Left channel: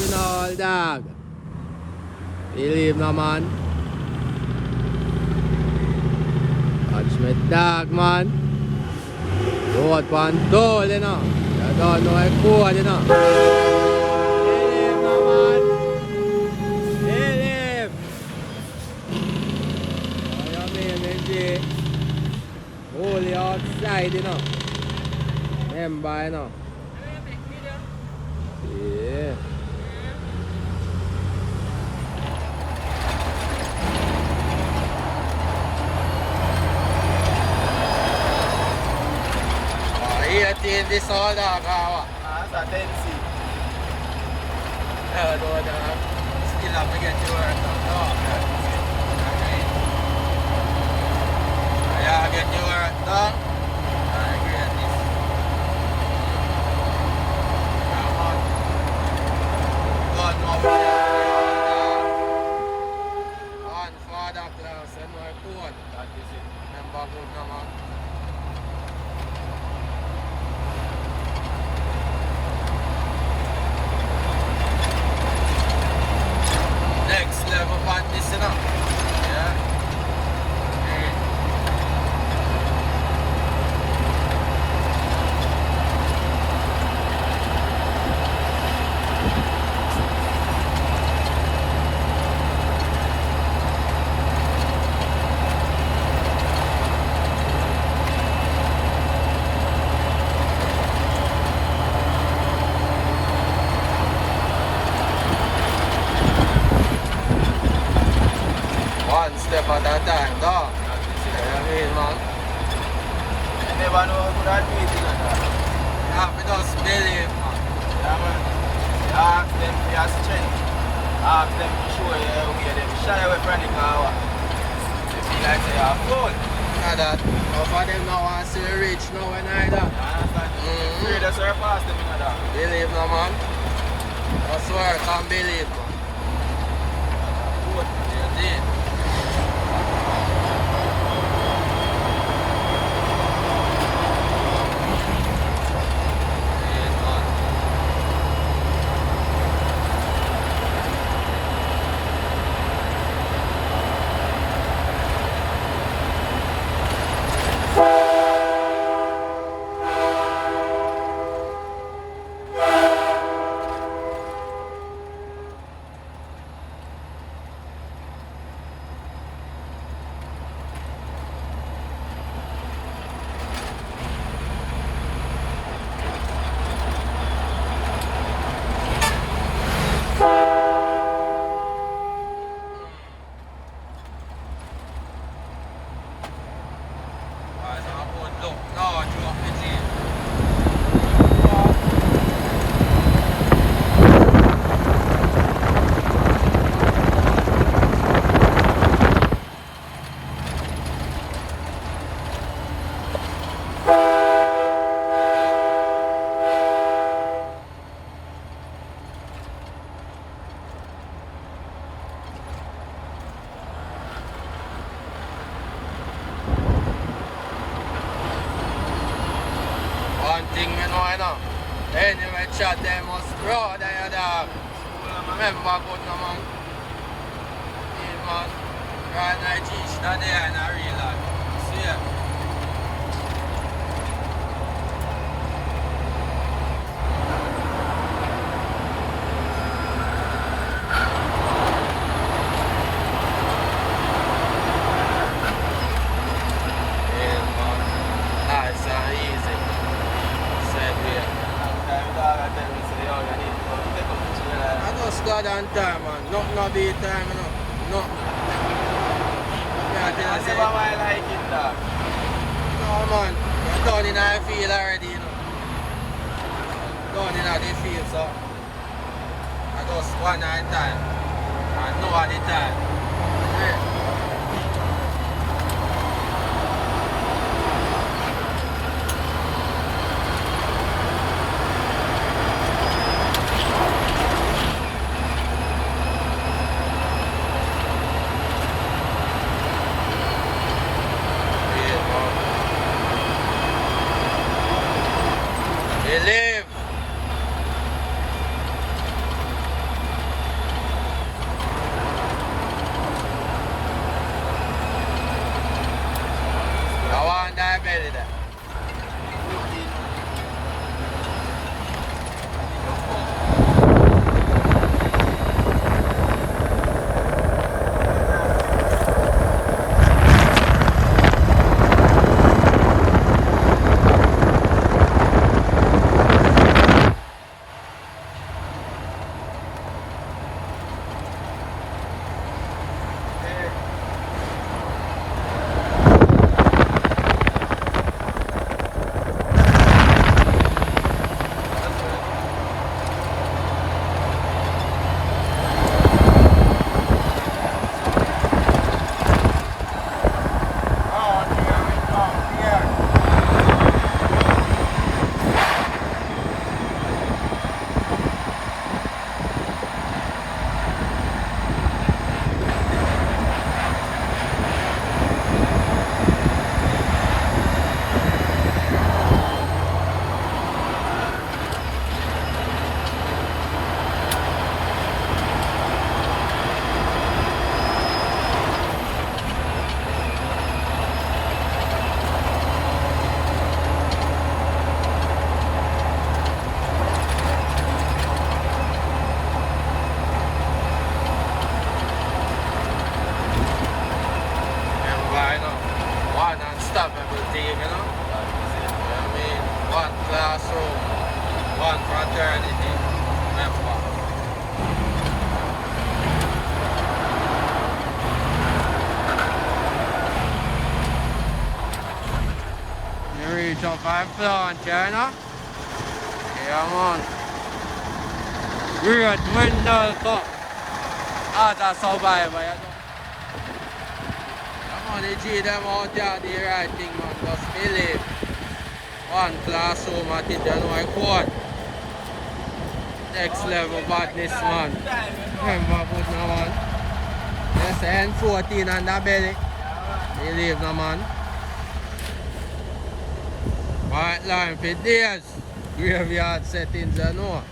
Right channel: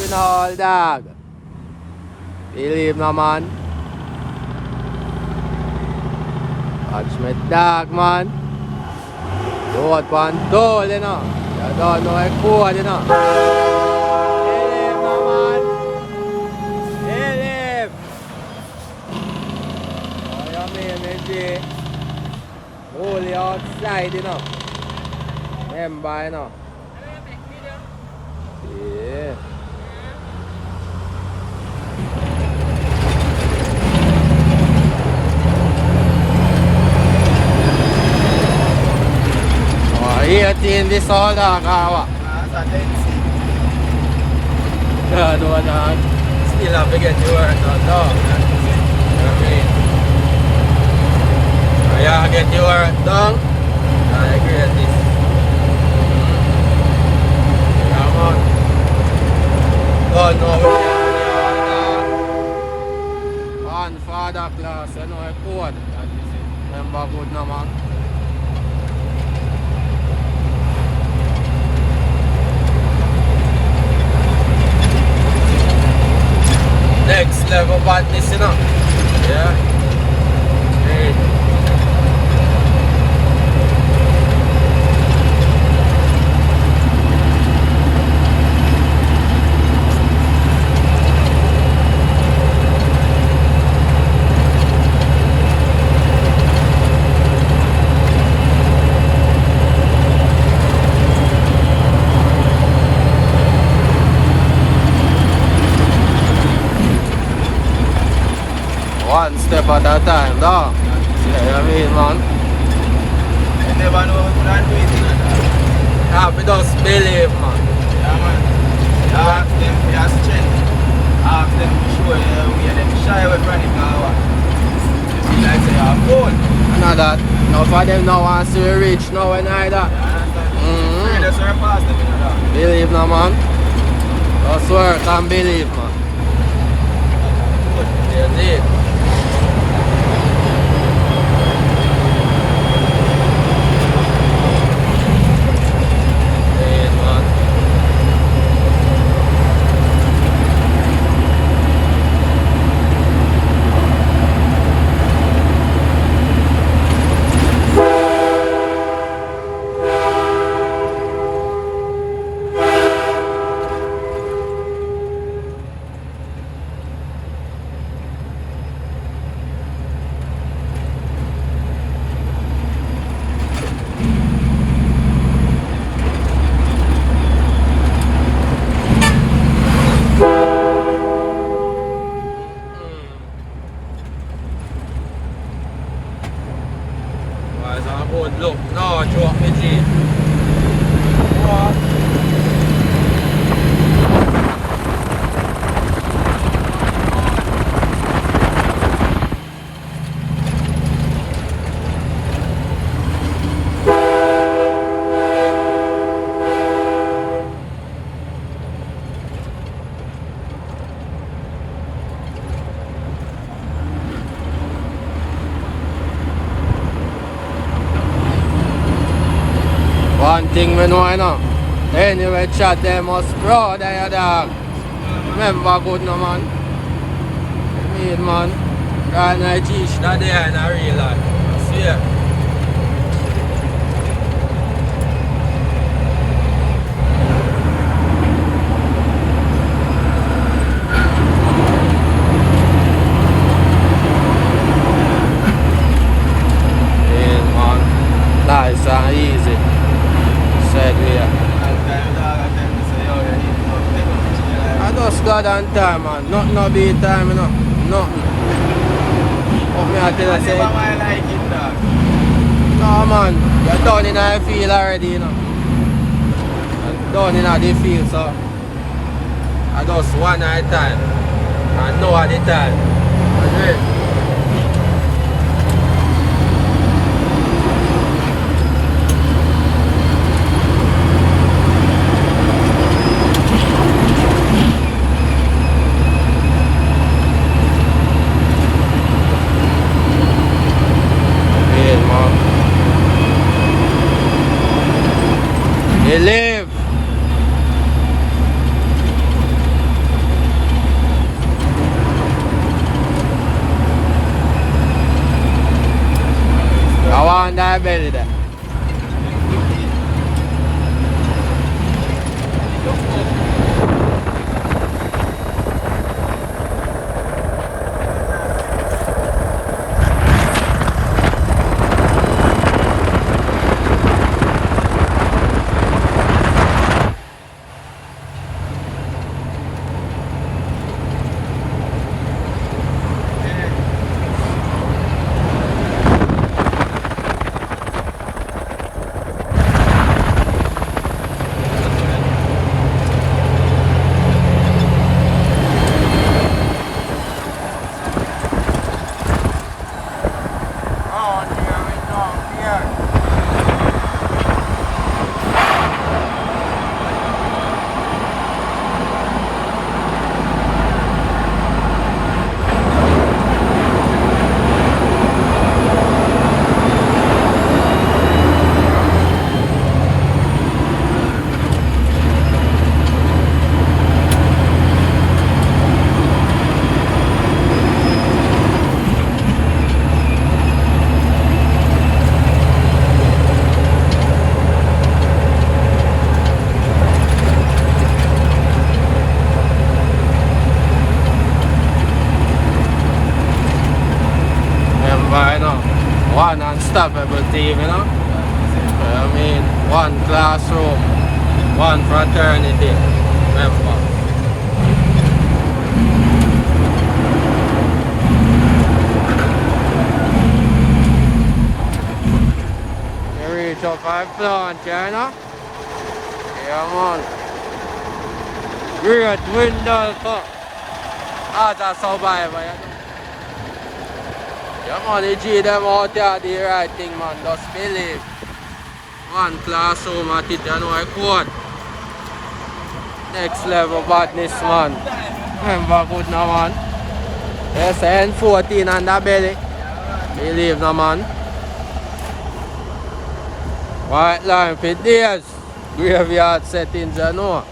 in all, dog. Believe no, man. Watch me, dog, man. Road pan toll, you know. You don't know a code, you know. Believe no, man. Believe. What you mean, G? Holy outside, you know. Remember, you know. Yeah. Oh, 18 this all dog, what? That's a tendency. No, dog. Still have to get to work done, dog. You know what I mean? Yeah, get to work done. I agree with this. Yeah, man. Don't know what you're doing, dog. One father class, you know, a code. Remember good, no, man. Next level badness, you know. Yeah. Hey. One step at a time, dog. See what I mean, man? You never know who can do it. Yeah, we just believe, man. Yeah, man. You ask them for your strength. Ask them to show you the way. Them shy away from it now. You like say you're a fool. Know that. Now for them now want to see we rich now and either. That's where pass them in that. Believe, no, man. Just work and believe, man. You see? Look, no, drop me, G. One thing we know, you know. Anyway, chat them must proud of your dog. Remember good, no, man. I mean, man. Right now, G, that day in a real life. I swear. Yeah, man. Nice and easy. Said here. I just got on time, man. No be time, you know. No. But me I tell you, say, no, man. You're done in the field already, you know. You're done in the field, so I just one at a time. And no at a time. Agree? They live. classroom, one fraternity member. You reach up 5 plant, you know? Yeah, man. Great window cook. As a survivor, yeah. Yeah, man, the G them out there do the right thing, man. Just believe. One classroom at it, you know I quote. Next level badness, man. Remember good now, man. Yes, N14 on the belly. Believe no, man. White line for days. Graveyard settings, you know.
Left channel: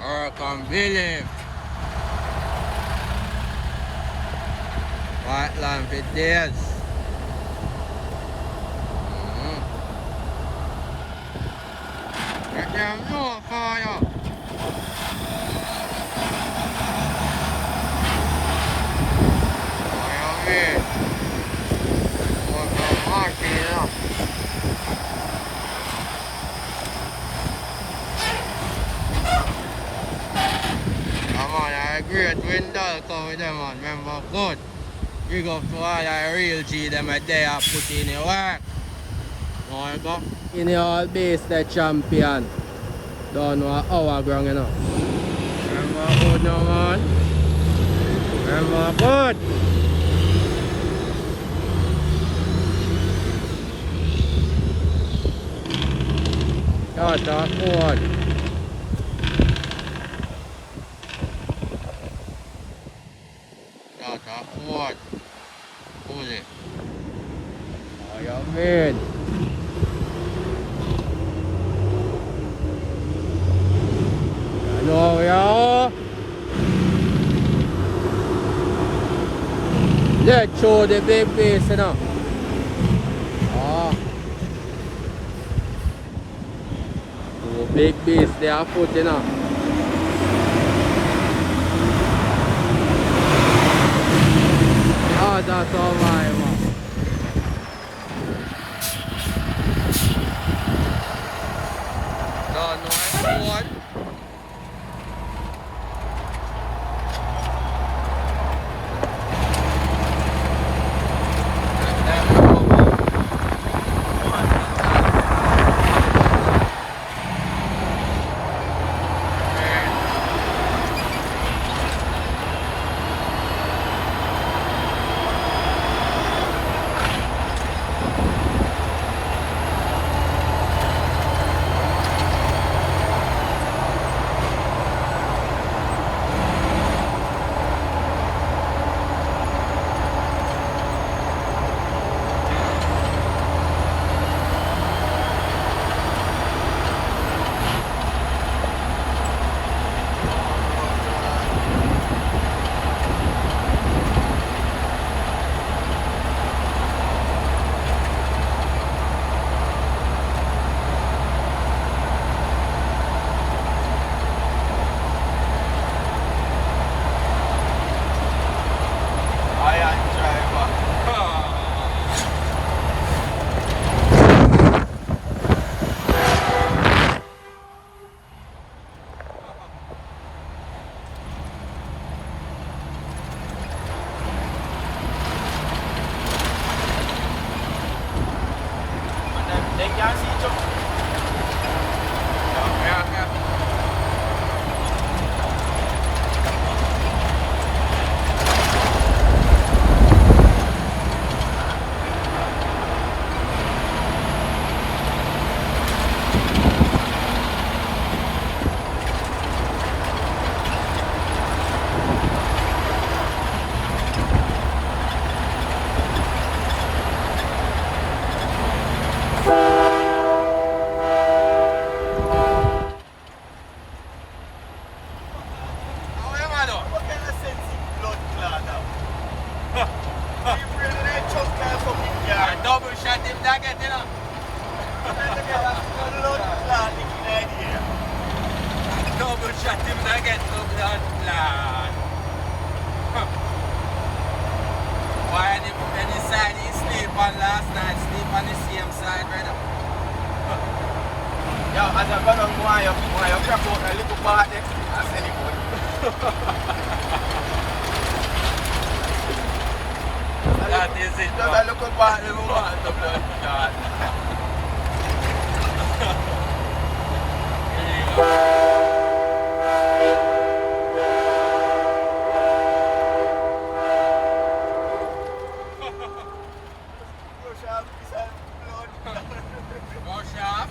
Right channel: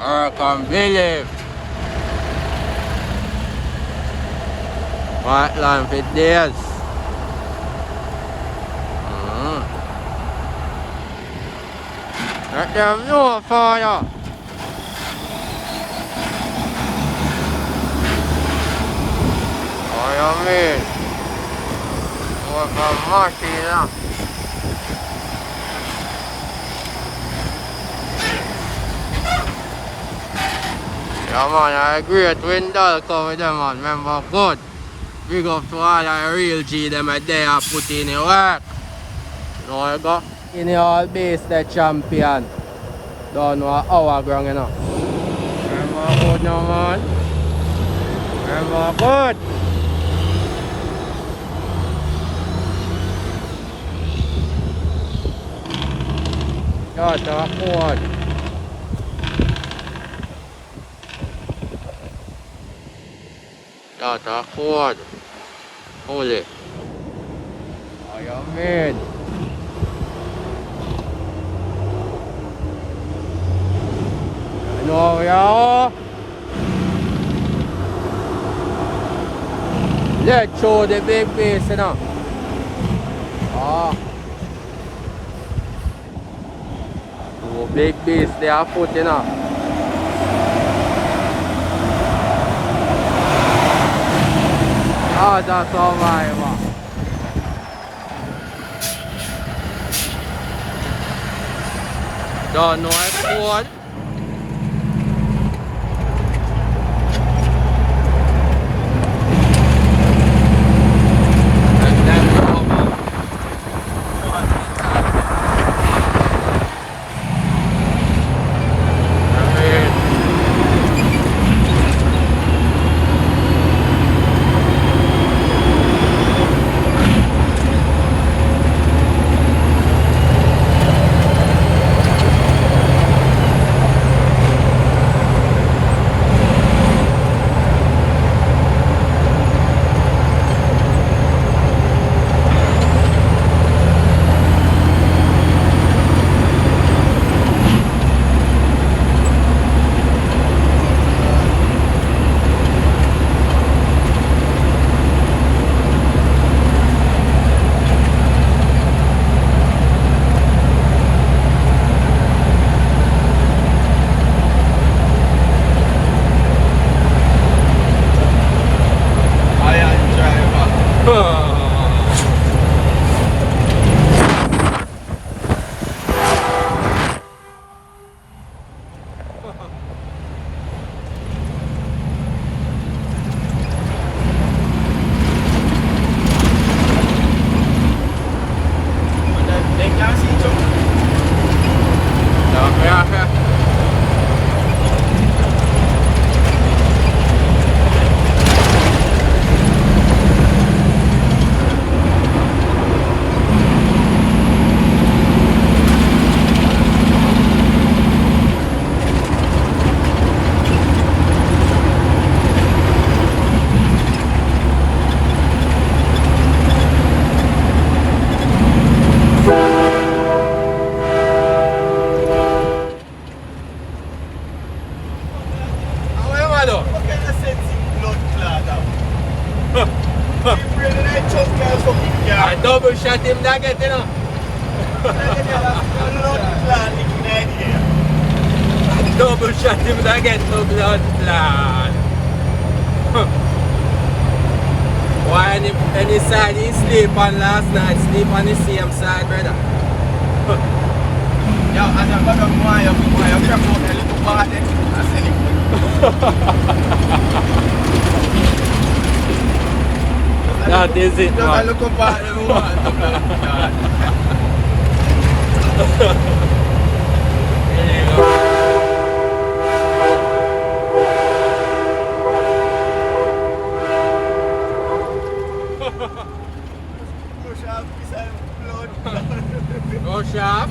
I can believe. White line for days. Let them know for you. What you mean? What from Martin, you know? Yeah, man, I agree with window come with them, man. Remember, good. Big up to all the real G, them a day I put in the work. Know you go? In the all base, the champion. Don't know our ground, you know. Remember, good now, man. Remember, good. That's a good. That's a good. Holy. What you mean? No, we are. Let's show the big base, you know. The big base they are putting, you know. That's all right. Don't know it's good. I double shot him nugget, you know. Double shot him nugget to blood blood. Why any side he sleep on last night, sleep on the same side, brother. Yo, as I got up, why I'm from a little party, I said it. That is it, Just a man. little party, Go sharp.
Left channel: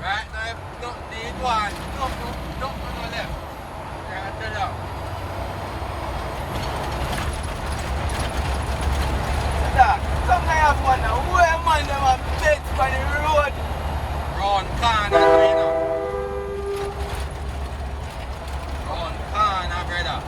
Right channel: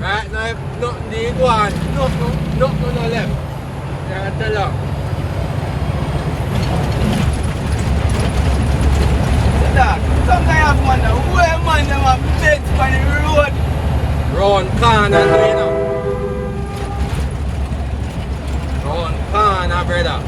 Right now, if nothing did one, nothing no left. I tell you. Sometimes I wonder where man them have dead on the road. Round corner, you know. Round corner, brother.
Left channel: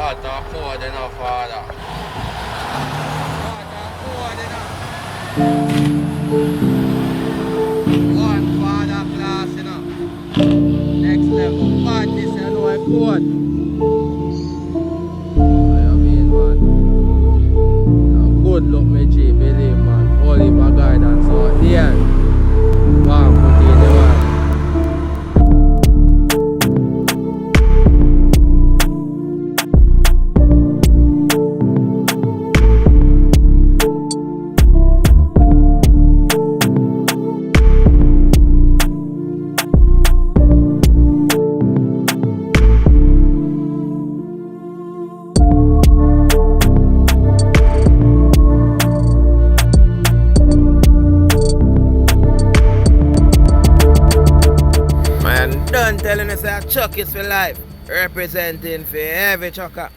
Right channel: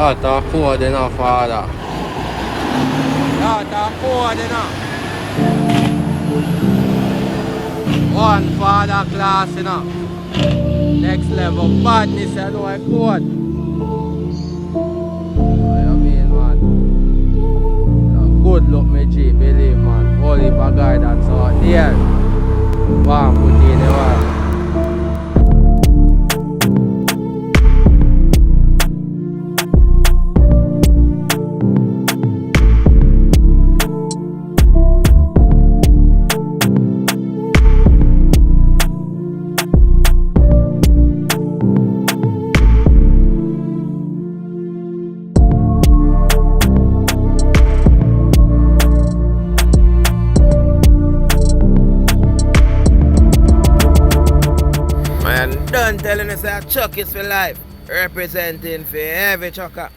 That's a code enough, father. That's a code enough. One father class enough. Next level badness and no code. What you mean, man? Good luck, me G, believe, man. All heap of guidance out there. One put in the man. Man, done telling us that Chuck is for life. Representing for every chucker.